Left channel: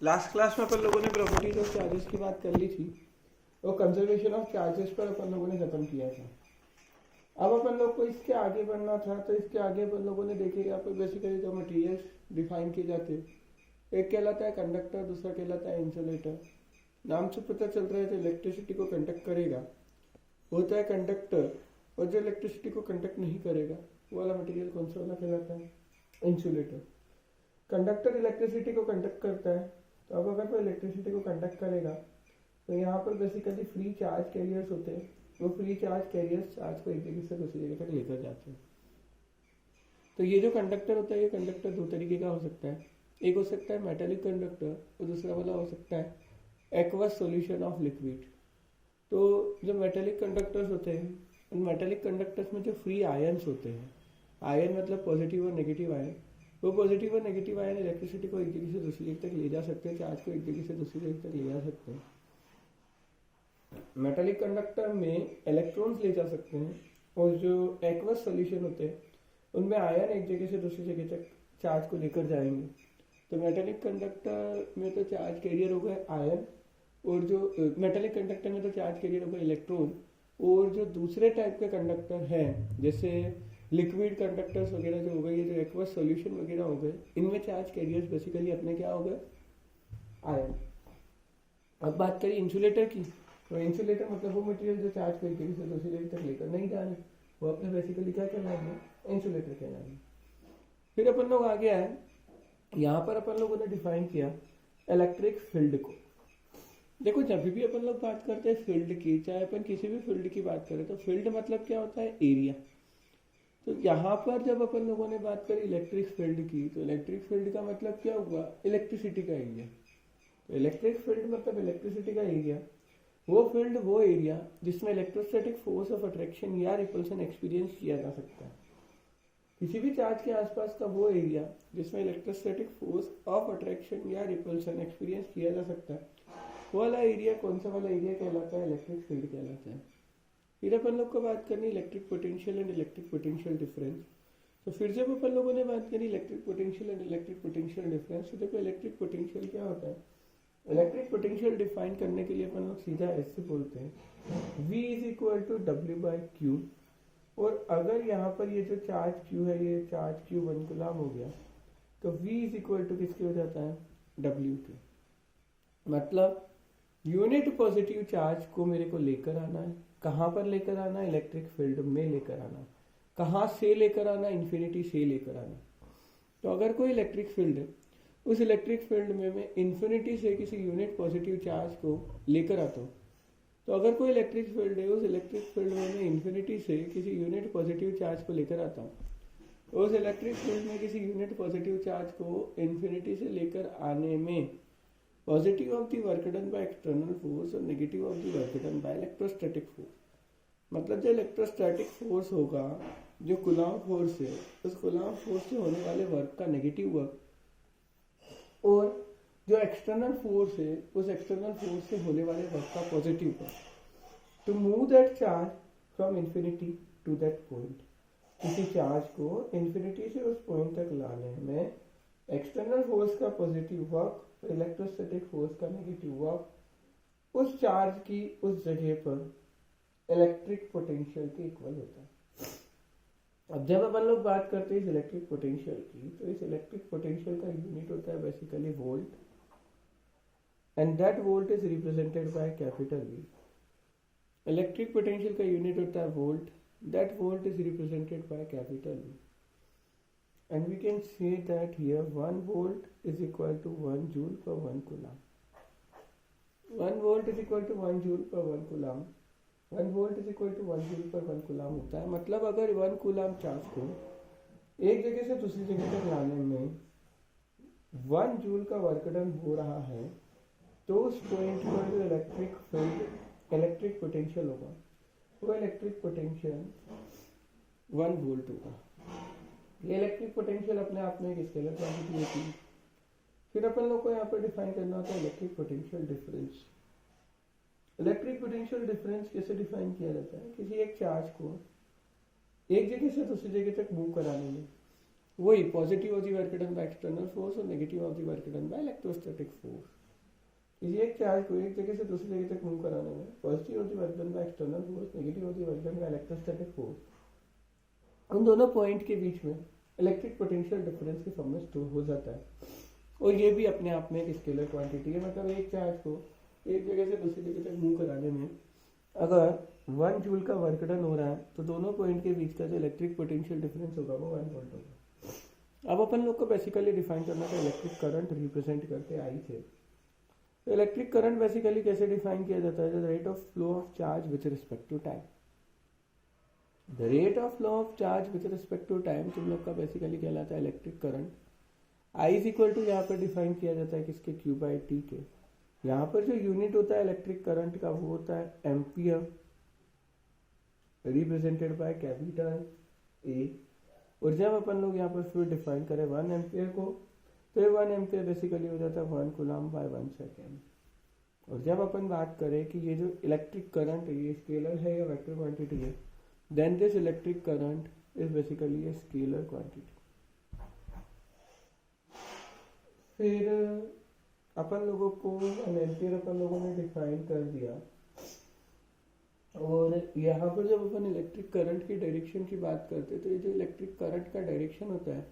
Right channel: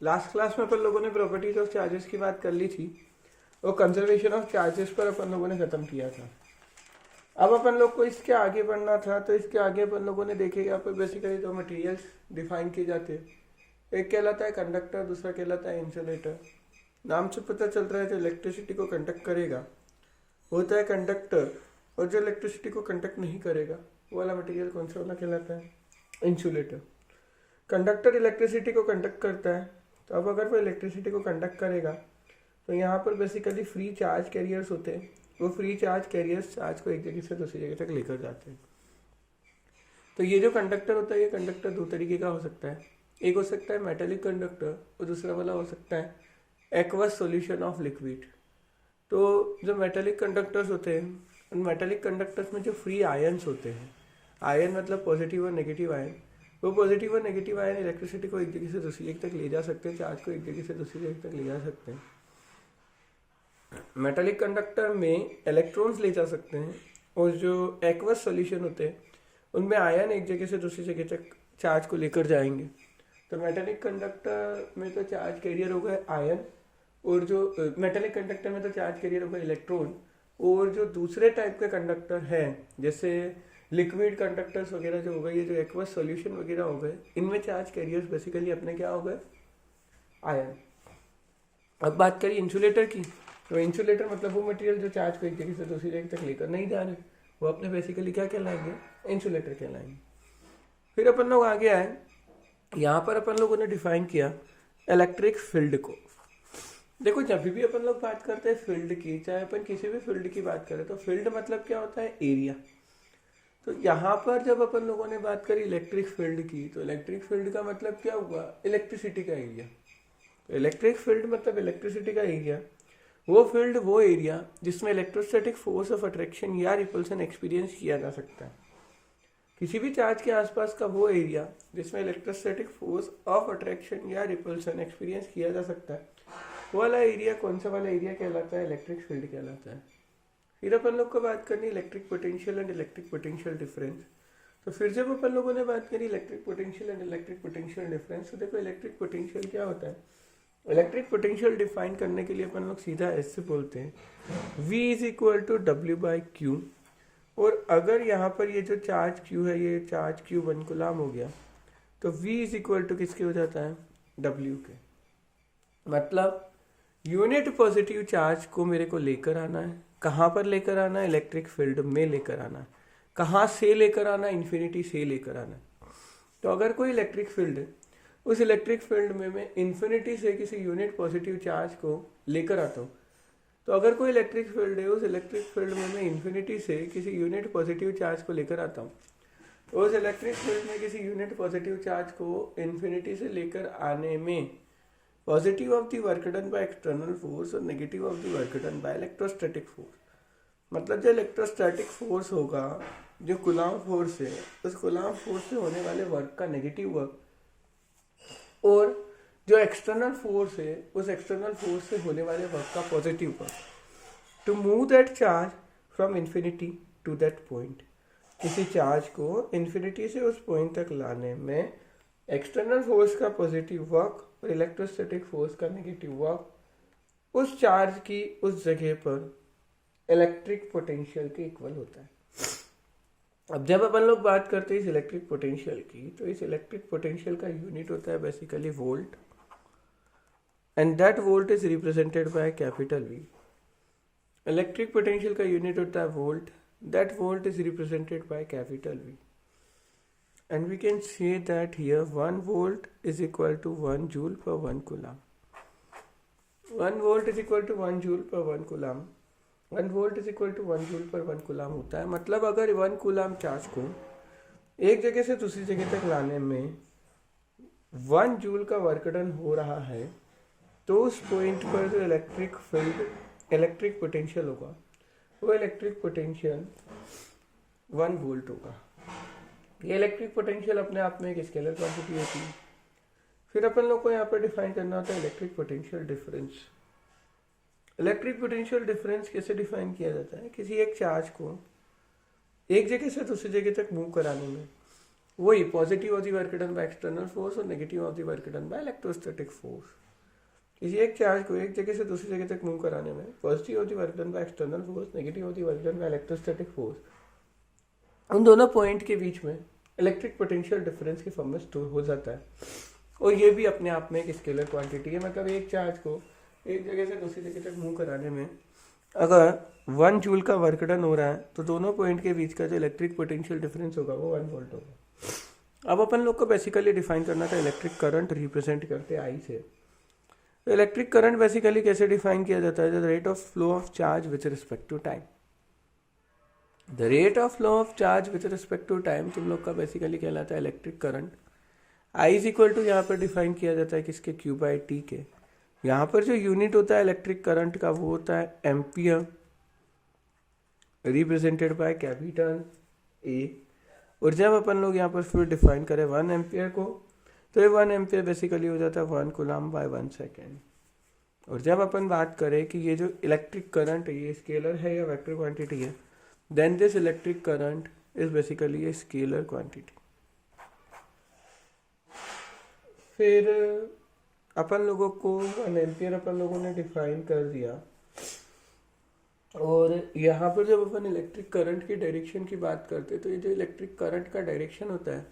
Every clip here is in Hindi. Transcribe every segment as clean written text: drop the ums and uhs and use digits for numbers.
लास्ट क्लास में अपन लोगों ने प्रॉपर्टीज ऑफ चार्जेस की बात कर ली थी और कंजर्वेशन ऑफ चार्जेस पर अपन लोगों ने खत्म किया था। अब अपन लोग को इसके आगे बढ़ना था, तो इसके आगे अपन लोगों ने देखे यहाँ पर बेसिकली दो मटेरियल्स डिफाइन किए जाते हैं। एक कहलाता है कंडक्टर, दूसरा कहलाता है इंसुलेटर। नाम से पता चल रहा है जो इलेक्ट्रिसिटी को कंडक्ट करेगा होता है कंडक्टर, और जो इलेक्ट्रिसिटी को कंडक्ट नहीं करेगा वो वाला मटेरियल कौन सा वाला कहलाता है? इंसुलेटर। कंडक्टर इलेक्ट्रिसिटी को कंडक्ट करता है, तो अब अगर वो इलेक्ट्रिसिटी को कंडक्ट करेगा तो यहाँ पर बेसिकली फ्री चार्ज कैरियर्स होते हैं। वो फ्री चार्ज कैरियर्स चार्ज को एक जगह से दूसरी जगह तक लेकर जाते हैं। तो ये जो कंडक्टर होता है, ये कंडक्टर दो तरीके का हो सकता है। एक हो सकता है मेटेलिक कंडक्टर और दूसरा वाला हो सकता है एक्वस सॉल्यूशन ऑफ लिक्विड। तो जो मेटेलिक कंडक्टर्स होते हैं, उन मेटेलिक कंडक्टर्स में जो फ्री आयन्स होते हैं, आयन मतलब पॉजिटिव और नेगेटिव आयन, वो पॉजिटिव और नेगेटिव आयन इलेक्ट्रिसिटी को एक जगह से दूसरी जगह तक ले जा सकते हैं, चार्ज को एक जगह से दूसरी जगह तक ले जा सकते हैं। मेटेलिक कंडक्टर में इलेक्ट्रॉन्स ले जा सकते हैं, और जो एक्वस सॉल्यूशन होते हैं उनमें आयन एक जगह से दूसरी जगह तक चार्ज को लेकर जाएंगे। तो मेटेलिक कंडक्टर में तो चार्ज कैरियर होगा आयन, और जो मेटेलिक कंडक्टर में तो चार्ज कैरियर होगा इलेक्ट्रॉन। और जो दूसरे टाइप के कंडक्टर है जैसे लिक्विड कंडक्टर्स वगैरह जो हो गए, ये जो एक्वस सॉल्यूशन वगैरह हो गए, इनमें चार्ज कैरियर्स बेसिकली अपने क्या हो गए? आयन। अब बात करें इंसुलेटर की, तो इंसुलेटर मतलब वो मटेरियल जो चार्ज को एक जगह से दूसरी जगह तक लेकर नहीं जा रहे, वो अपने बेसिकली क्या कहलाएंगे? इंसुलेटर कहलाएंगे। फिर अपन लोग आगे आए, यहाँ पर अपन लोगों ने डिफाइन किया इलेक्ट्रिक फील्ड को। देखो जब भी अपन लोग बात करते हैं फील्ड की, चाहे अपन किसी भी फील्ड की बात करें, तो फील्ड मतलब क्या होता है? एरिया। तो यहाँ पर जब अपन लोगों ने बात करी इलेक्ट्रिक फील्ड की, तो इलेक्ट्रिक फील्ड का मतलब क्या हुआ? इलेक्ट्रिसिटी का एरिया। तो इलेक्ट्रिक फील्ड मतलब इलेक्ट्रिसिटी का एरिया, वो फील्ड वो एरिया जिसमें इलेक्ट्रोस्टैटिक फोर्स ऑफ अट्रैक्शन या रिपल्सन एक्सपीरियंस किया जा सकता है। किसी भी चार्ज के आसपास का वो एरिया जिसमें इलेक्ट्रोस्टैटिक फोर्स ऑफ अट्रैक्शन या रिपल्सन एक्सपीरियंस किया जा सकता है, वो वाला एरिया कौन सा वाला एरिया कहलाता है? इलेक्ट्रिक फील्ड कहलाता है। फिर अपन लोग को बात करनी electric potential and electric potential difference. तो फिर जब अपन लोगों ने बात करी electric potential and electric potential difference, तो देखो इलेक्ट्रिक पोटेंशियल क्या होता है? इलेक्ट्रिक पोटेंशियल डिफाइन करने के लिए अपन लोग सीधा ऐसे बोलते हैं V is equal to W by Q. और अगर यहाँ पर ये जो चार्ज Q है, ये चार्ज Q 1 कूलम हो गया, तो V इज इक्वल टू किसके हो जाता है? W के। मतलब यूनिट पॉजिटिव चार्ज को मेरे को लेकर आना है। कहाँ पर लेकर आना है? इलेक्ट्रिक फील्ड में लेकर आना है। कहाँ से लेकर आना है? इन्फिनिटी से लेकर आना है। तो अगर कोई इलेक्ट्रिक फील्ड है, उस इलेक्ट्रिक फील्ड में मैं इन्फिनिटी से किसी यूनिट पॉजिटिव चार्ज को लेकर आता हूँ। तो अगर कोई इलेक्ट्रिक फील्ड है, उस इलेक्ट्रिक फील्ड में मैं इन्फिनिटी से किसी यूनिट पॉजिटिव चार्ज को लेकर आता हूँ। तो उस इलेक्ट्रिक फील्ड में किसी यूनिट पॉजिटिव चार्ज को इन्फिनिटी से लेकर आने में positive of the work done by external force और negative of the work done by electrostatic force. मतलब जो इलेक्ट्रोस्टैटिक फोर्स होगा, जो कूलम्ब फोर्स है, उस कूलम्ब फोर्स से होने वाले वर्क का नेगेटिव वर्क, और जो एक्सटर्नल फोर्स है, उस एक्सटर्नल फोर्स से होने वाले वर्क का positive work. To move that charge from infinity to that point, किसी चार्ज को इन्फिनिटी से उस पॉइंट तक लाने में एक्सटर्नल फोर्स का पॉजिटिव वर्क और इलेक्ट्रोस्टैटिक फोर्स का नेगेटिव वर्क उस चार्ज की उस जगह पर इलेक्ट्रिक पोटेंशियल के इक्वल होता है। अब जब अपन लोग बात करते हैं इस इलेक्ट्रिक पोटेंशियल की, तो इस इलेक्ट्रिक पोटेंशियल का यूनिट होता है basically volt, and that volt is represented by capital V। Electric potential का यूनिट होता है volt, that volt is represented by capital V। And we can say that here 1 volt is equal to 1 joule per 1 coulomb. 1 volt is equal to 1 joule per 1 coulomb. 1 volt is equal to 1 joule per 1 coulomb होता है। मतलब अगर 1 कूलम चार्ज को एक जगह से दूसरी जगह तक लाने में 1 जूल का वर्क डन हो रहा है, तो उस पॉइंट पर जो इलेक्ट्रिक फील्ड इलेक्ट्रिक पोटेंशियल होगा, वो इलेक्ट्रिक पोटेंशियल 1 वोल्ट होगा। ये इलेक्ट्रिक पोटेंशियल अपने आप में एक स्केलर क्वांटिटी होती है। फिर अपन लोग को यहाँ पर डिफाइन करना होता है electric potential difference. Electric potential difference कैसे डिफाइन किया जाता है? किसी एक चार्ज को एक जगह से दूसरी जगह तक मूव कराने में वही positive of the work done by external force और negative of the work done by electrostatic force. किसी एक चार्ज को एक जगह से दूसरी जगह तक मूव कराने में positive of the work done by external force, negative of the work done by electrostatic force, उन दोनों पॉइंट के बीच में इलेक्ट्रिक पोटेंशियल डिफरेंस के फॉर्म में स्टोर हो जाता है। और ये भी अपने आप में एक स्केलर क्वांटिटी है। मतलब एक चार्ज को एक जगह से दूसरी जगह तक मूव कराने में अगर 1 जूल का वर्क डन हो रहा है तो दोनों पॉइंट के बीच का जो इलेक्ट्रिक पोटेंशियल डिफरेंस होगा वो 1 वोल्ट होगा। अब अपन लोग को बेसिकली डिफाइन करना था इलेक्ट्रिक करंट रिप्रेजेंट करते आई से। तो इलेक्ट्रिक करंट बेसिकली कैसे डिफाइन किया जाता है? The rate of flow of charge with respect to time. The rate of flow of charge with respect to time तुम लोग का बेसिकली कहलाता है electric current. I is equal to यहाँ पर डिफाइन किया जाता है किसके? क्यू बाई टी के। यहाँ पर जो यूनिट होता है इलेक्ट्रिक करंट का वो होता है ampere, represented by capital A. और जब अपन लोग यहाँ पर फिर डिफाइन करें 1 एम्पियर को तो ये 1 एम्पियर बेसिकली हो जाता है 1 कूलम बाय 1 सेकेंड। और जब अपन बात करें कि ये जो इलेक्ट्रिक करंट है ये स्केलर है या वेक्टर क्वांटिटी है, then this electric current is basically a scalar quantity. फिर अपन लोगों को 1 एम्पियर अपन लोगों ने डिफाइन कर दिया। और यहाँ पर जब अपन इलेक्ट्रिक करंट की डायरेक्शन की बात करते हैं तो ये जो इलेक्ट्रिक करंट का डायरेक्शन होता है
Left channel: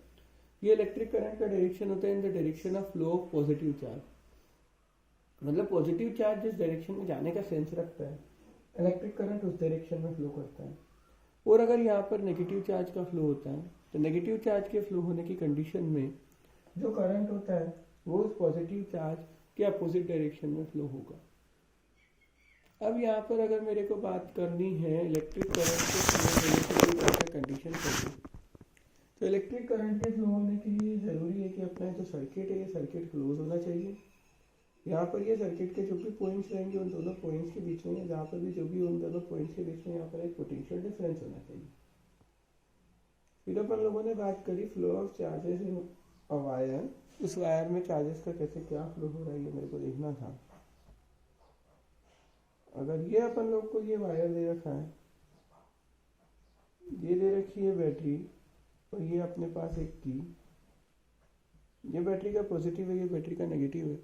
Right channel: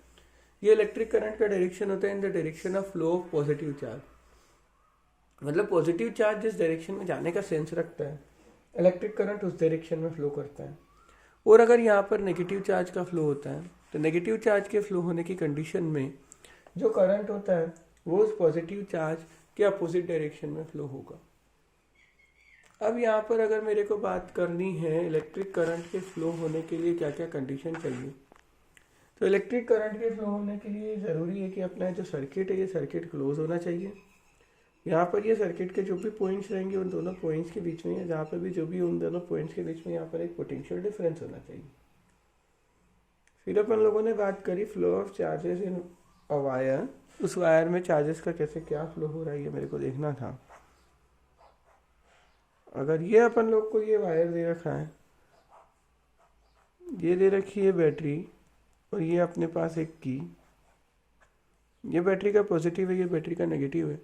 ये इलेक्ट्रिक करंट का डायरेक्शन होता है in the direction of flow of positive charge. मतलब पॉजिटिव चार्ज जिस डायरेक्शन में जाने का सेंस रखता है इलेक्ट्रिक करंट उस डायरेक्शन में फ्लो करता है। और अगर यहाँ पर नेगेटिव चार्ज का फ्लो होता है तो नेगेटिव चार्ज के फ्लो होने की कंडीशन में जो करंट होता है वो उस पॉजिटिव चार्ज के अपोजिट डायरेक्शन में फ्लो होगा। अब यहाँ पर अगर मेरे को बात करनी है इलेक्ट्रिक करंट के फ्लो होने के लिए क्या क्या कंडीशन चाहिए, तो इलेक्ट्रिक करंट के फ्लो होने के लिए ज़रूरी है कि अपना जो सर्किट है ये सर्किट क्लोज होना चाहिए। यहाँ पर ये सर्किट के जो भी पॉइंट्स रहेंगे उन दोनों पॉइंट्स के बीच में, जहाँ पर भी जो भी उन दोनों पॉइंट्स के बीच में यहाँ पर एक पोटेंशियल डिफरेंस होना चाहिए। फिर अपन लोगों ने बात करी flow of charges in a wire. उस वायर में चार्जेस का कैसे क्या फ्लो हो रहा है ये मेरे को देखना था। अगर ये अपन लोग को ये वायर दे रखा है, ये दे रखी है बैटरी और ये अपने पास एक की, ये बैटरी का पॉजिटिव है ये बैटरी का नेगेटिव है।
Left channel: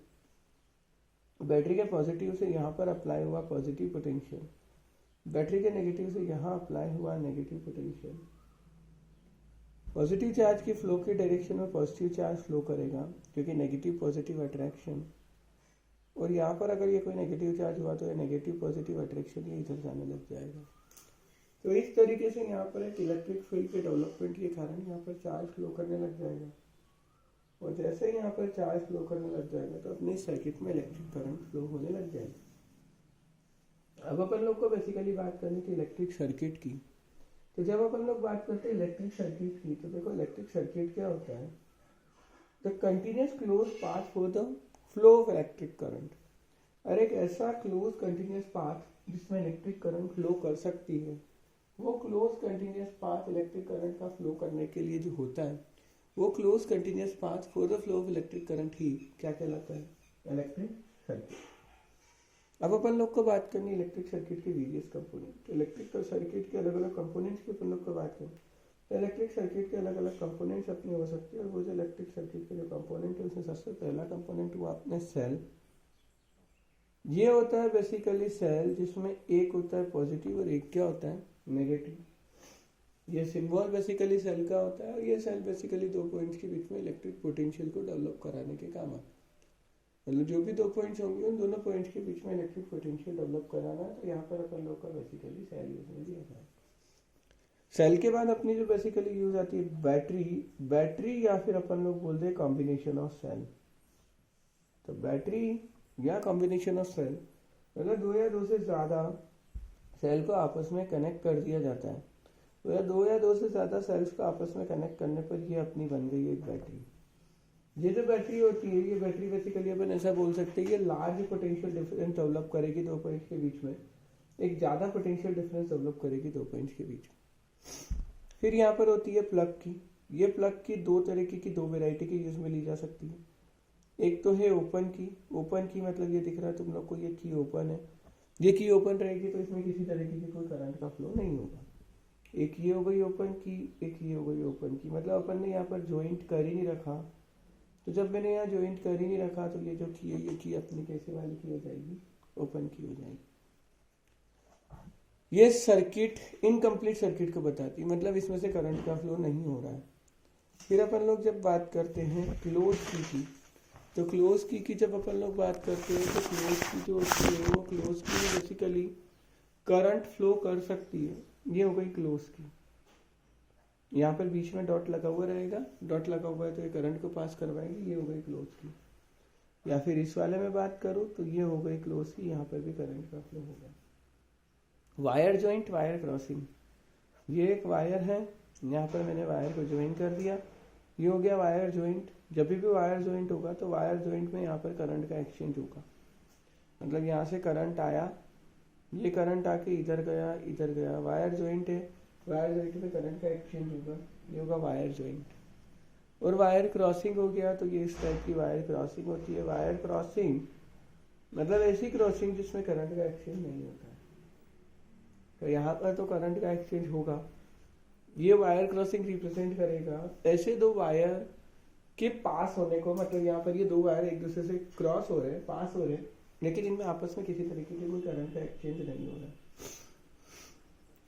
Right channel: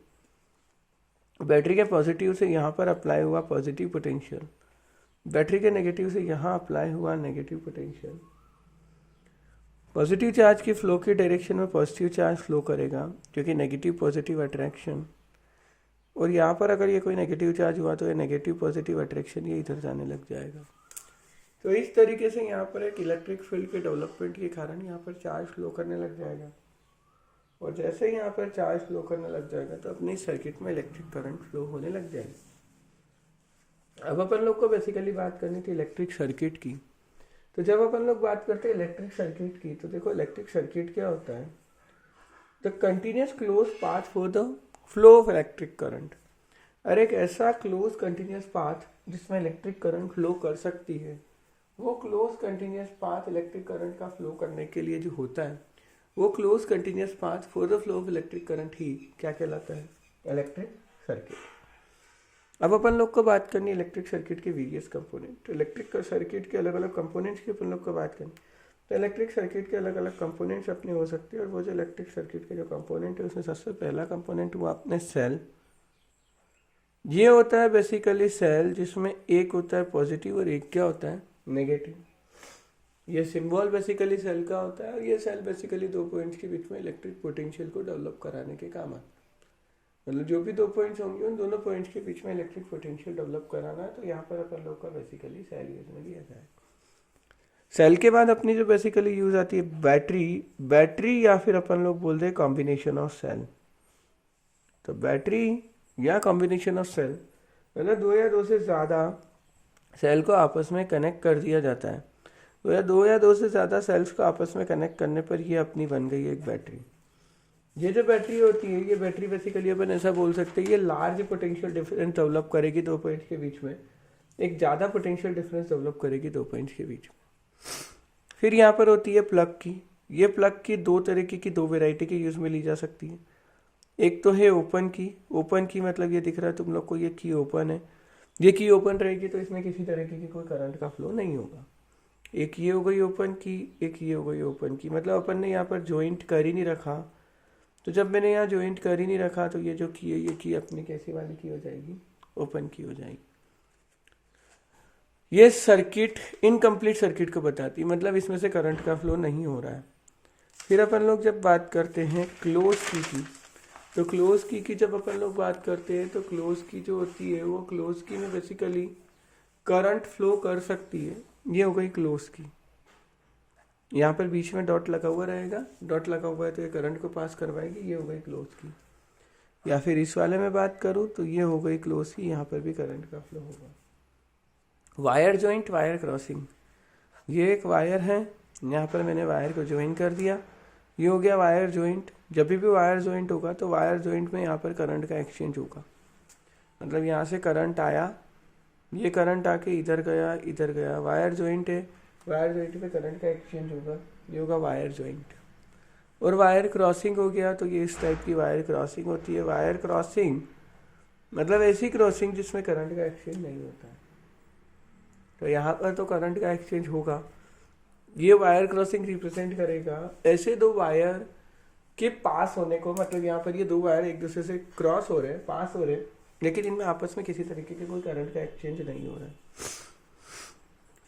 बैटरी के पॉजिटिव से यहाँ पर अप्लाई हुआ पॉजिटिव पोटेंशियल, बैटरी के नेगेटिव से यहाँ अप्लाई हुआ नेगेटिव पोटेंशियल। पॉजिटिव चार्ज की फ्लो की डायरेक्शन में पॉजिटिव चार्ज फ्लो करेगा क्योंकि नेगेटिव पॉजिटिव अट्रैक्शन। और यहाँ पर अगर ये कोई नेगेटिव चार्ज हुआ तो ये नेगेटिव पॉजिटिव अट्रैक्शन ये इधर जाने लग जाएगा। तो इस तरीके से यहाँ पर एक इलेक्ट्रिक फील्ड के डेवलपमेंट के कारण यहाँ पर चार्ज फ्लो करने लग जाएगा। और जैसे ही यहाँ पर चार्ज फ्लो करने लग जाएगा तो अपनी सर्किट में इलेक्ट्रिक करंट फ्लो होने लग जाएगी। अब अपन लोग को बेसिकली बात करनी थी इलेक्ट्रिक सर्किट की। तो जब अपन लोग बात करते हैं इलेक्ट्रिक सर्किट की तो देखो इलेक्ट्रिक सर्किट क्या होता है? The continuous close path for the flow of electric current. और एक ऐसा क्लोज कंटिन्यूस पाथ जिसमें इलेक्ट्रिक करंट फ्लो कर सकती है, वो close continuous path electric current का फ्लो करने के लिए जो होता है वो close continuous path for the flow of electric current ही क्या कहलाता है? Electric circuit. अब अपन लोग को बात करनी इलेक्ट्रिक सर्किट के वेरियस कंपोनेंट। इलेक्ट्रिक सर्किट के अलग अलग कंपोनेंट्स की अपन लोग को बात करें तो इलेक्ट्रिक सर्किट के अलग अलग कंपोनेंट्स अपने हो सकते हैं। और वो जो इलेक्ट्रिक सर्किट के जो कंपोनेंट है उसमें सबसे पहला कंपोनेंट हुआ अपने सेल। ये होता है बेसिकली सेल जिसमें एक होता है पॉजिटिव और एक क्या होता है? नेगेटिव। ये सिंबल बेसिकली सेल का होता है और ये सेल बेसिकली दो पॉइंट्स के बीच में इलेक्ट्रिक पोटेंशियल को डेवलप कराने के काम आता है। मतलब जो भी दो पॉइंट्स होंगे उन दोनों पॉइंट्स के बीच में इलेक्ट्रिक पोटेंशियल डेवलप कराना है। तो यहाँ पर अपन लोग का बेसिकली सेल यूज में लिया जाए। सेल के बाद अपनी जो बेसिकली यूज आती है बैटरी। बैटरी या फिर अपन लोग बोलते हैं कॉम्बिनेशन ऑफ सेल। तो बैटरी या कॉम्बिनेशन ऑफ सेल मतलब दो या दो से ज़्यादा सेल को आपस में कनेक्ट कर दिया जाता है। तो दो या दो से ज़्यादा सेल्स को आपस में कनेक्ट करने पर ये अपनी बन गई एक बैटरी। ये जो बैटरी होती है ये बैटरी बेसिकली अपन ऐसा बोल सकते हैं ये लार्ज पोटेंशियल डिफरेंस डेवलप करेगी दो पॉइंट्स के बीच में, एक ज़्यादा पोटेंशियल डिफरेंस डेवलप करेगी दो पॉइंट्स के बीच में। फिर यहाँ पर होती है प्लग की। ये प्लग की दो तरीके की दो वेराइटी के यूज़ में ली जा सकती है। एक तो है ओपन की। ओपन की मतलब ये दिख रहा है तुम लोग को ये की ओपन है। ये की ओपन रहेगी तो इसमें किसी तरीके की कोई करंट का फ्लो नहीं होगा। एक ये हो गई ओपन की, एक ये हो गई ओपन की, मतलब अपन ने यहाँ पर ज्वाइंट कर ही नहीं रखा। तो जब मैंने यहाँ ज्वाइंट कर ही नहीं रखा तो ये जो की है ये की अपनी कैसी वाली की हो जाएगी, ओपन की हो जाएगी। ये सर्किट इनकम्प्लीट सर्किट को बताती, मतलब इसमें से करंट का फ्लो नहीं हो रहा है। फिर अपन लोग जब बात करते हैं क्लोज की, तो क्लोज की जब अपन लोग बात करते हैं तो क्लोज की जो होती है वो क्लोज की बेसिकली करंट फ्लो कर सकती है। ये हो गई क्लोज की, यहाँ पर बीच में डॉट लगा हुआ रहेगा, डॉट लगा हुआ है तो ये करंट को पास करवाएगी, ये हो गई क्लोज की। या फिर इस वाले में बात करूँ तो ये हो गई क्लोज की, यहाँ पर भी करंट का फ्लो होगा। वायर जॉइंट, वायर क्रॉसिंग, ये एक वायर है, यहाँ पर मैंने वायर को ज्वाइन कर दिया, ये हो गया वायर जॉइंट। जब भी वायर जॉइंट होगा तो वायर जॉइंट में यहाँ पर करंट का एक्सचेंज होगा, मतलब यहाँ से करंट आया, ये करंट आके इधर गया, इधर गया, वायर जॉइंट है, वायर जॉइंट में करंट का एक्सचेंज होगा, ये होगा वायर जॉइंट। और वायर क्रॉसिंग हो गया तो ये इस टाइप की वायर क्रॉसिंग होती है। वायर क्रॉसिंग मतलब ऐसी क्रॉसिंग जिसमें करंट का एक्सचेंज नहीं होता है, तो यहाँ पर तो करंट का एक्सचेंज होगा। ये वायर क्रॉसिंग रिप्रेजेंट करेगा ऐसे दो वायर के पास होने को, मतलब यहाँ पर ये दो वायर एक दूसरे से क्रॉस हो रहे हैं, पास हो रहे हैं, लेकिन इनमें आपस में किसी तरीके के कोई करंट का एक्सचेंज नहीं हो रहा है।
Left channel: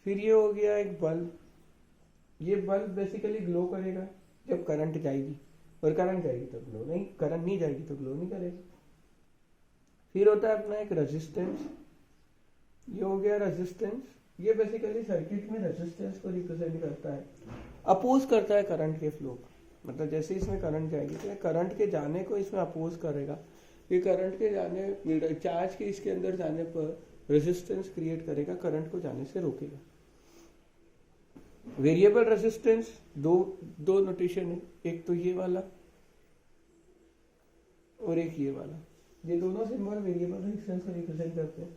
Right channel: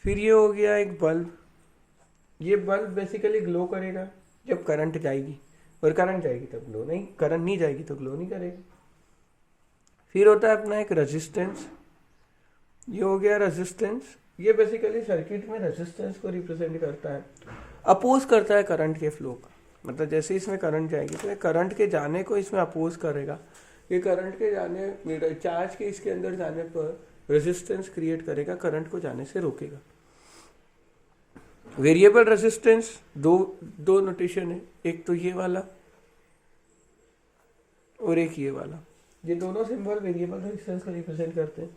फिर ये हो गया एक बल्ब, ये बल्ब बेसिकली ग्लो करेगा जब करंट जाएगी, और करंट जाएगी तब ग्लो नहीं, करंट नहीं जाएगी तो ग्लो नहीं करेगा। फिर होता है अपना एक रेजिस्टेंस, ये हो गया रेजिस्टेंस, ये बेसिकली सर्किट में रेजिस्टेंस को रिप्रेजेंट करता है, अपोज करता है करंट के फ्लो का। मतलब जैसे इसमें करंट जाएगी तो ये करंट के जाने को इसमें अपोज करेगा, ये करंट के जाने, चार्ज के इसके अंदर जाने पर रेजिस्टेंस क्रिएट करेगा, करंट को जाने से रोकेगा। वेरिएबल रेजिस्टेंस दो नोटेशन है, एक तो ये वाला और एक ये वाला, ये दोनों सिंबल वेरिएबल रेजिस्टेंस को रिप्रेजेंट करते हैं।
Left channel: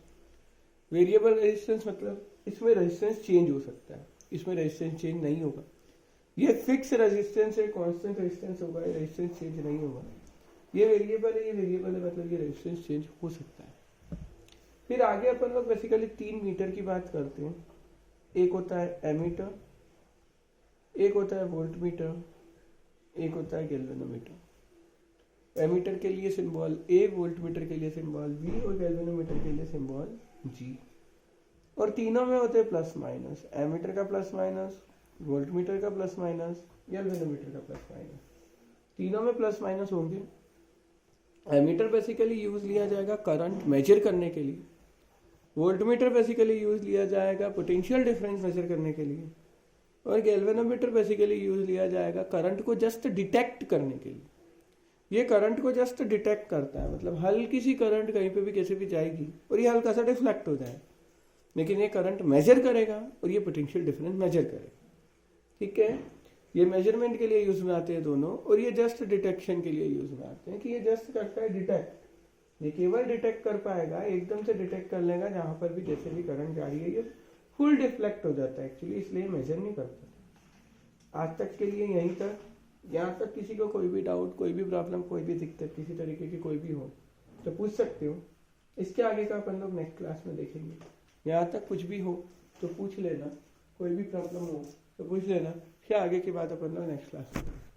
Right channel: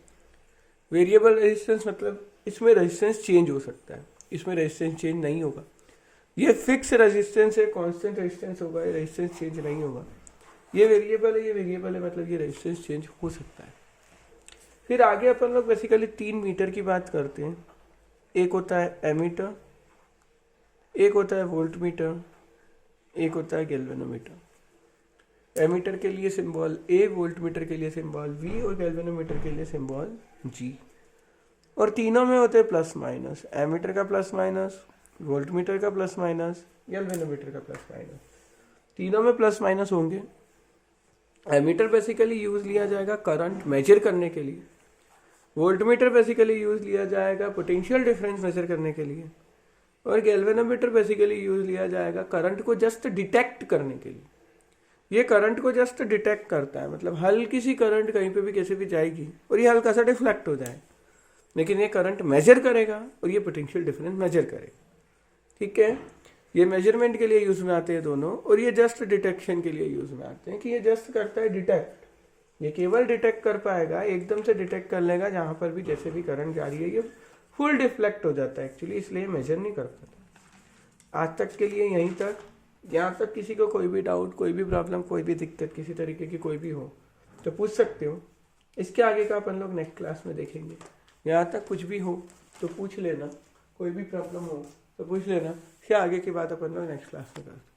वेरिएबल रेजिस्टेंस मतलब इसमें रेजिस्टेंस चेंज हो सकता है, इसमें रेजिस्टेंस चेंज नहीं होगा। ये फिक्स रेजिस्टेंस है, कांस्टेंट रेजिस्टेंस होगा, ये रेजिस्टेंस चेंज नहीं होगा। ये वेरिएबल है, ये वेरिएबल है, मतलब ये रेजिस्टेंस चेंज हो सकता है। फिर आगे अपन लोग बेसिकली 3 मीटर की बात करते हैं। एक होता है एमीटर, एक होता है वोल्ट मीटर, एक होता है गैल्वेनोमीटर। एमीटर के लिए सिंबल ए, वोल्ट मीटर के लिए सिंबल वी और गैल्वेनोमीटर के लिए सिंबल जी। और तीनों में होते हैं प्लस माइनस, एमीटर का प्लस माइनस, वोल्ट मीटर का प्लस माइनस, गैल्वेनोमीटर का प्लस माइनस, तीनों में प्लस माइनस होंगे। एमीटर बेसिकली यूज लिया जाएगा करंट मेजर करने के लिए, वोल्ट मीटर बेसिकली यूज लिया जाएगा पोटेंशियल डिफरेंस मेजर करने के लिए, और गैल्वेनोमीटर बेसिकली यूज लिया जाएगा करंट को जस्ट डिटेक्ट करने के लिए। ये करंट को जस्ट डिटेक्ट करता है, मतलब हल्की सी करंट कहीं पे भी कैसे भी जाएगी और ये हल्का सा डिफ्लेक्ट हो जाए, लेकिन ये करंट मेजर करेगा और ये पोटेंशियल डिफरेंस मेजर करेगा। ठीक है, ये मेजरमेंट के लिए यूज में आते हैं दोनों, और ये जस्ट डिटेक्शन के लिए यूज में आते हैं कि ये जस्ट करता है डिटेक्ट, ये केवल डिटेक्ट कर पाएगा, एकदम से डिटेक्ट कर लेगा जहां पर भी जैसे भी करंट जा रही है, ये फुल डिफ्लेक्ट हो जाता है एक्चुअली, इसलिए मेजर नहीं कर पाता। आज तक के लिए यहीं तक। यहाँ तक किसी को कोई भी डाउट, कोई भी प्रॉब्लम, कोई भी दिक्कत किसी तरीके की कोई भी हो तो पूछ सकते हो। इसके आगे का अपन लोग नेक्स्ट क्लास में देखेंगे। यहाँ तक कुछ भी हो तो पूछ लेना, कोई भी प्रॉब्लम हो तो पूछ लेना, फिर आगे की बात अपन लोग नेक्स्ट क्लास में करेंगे।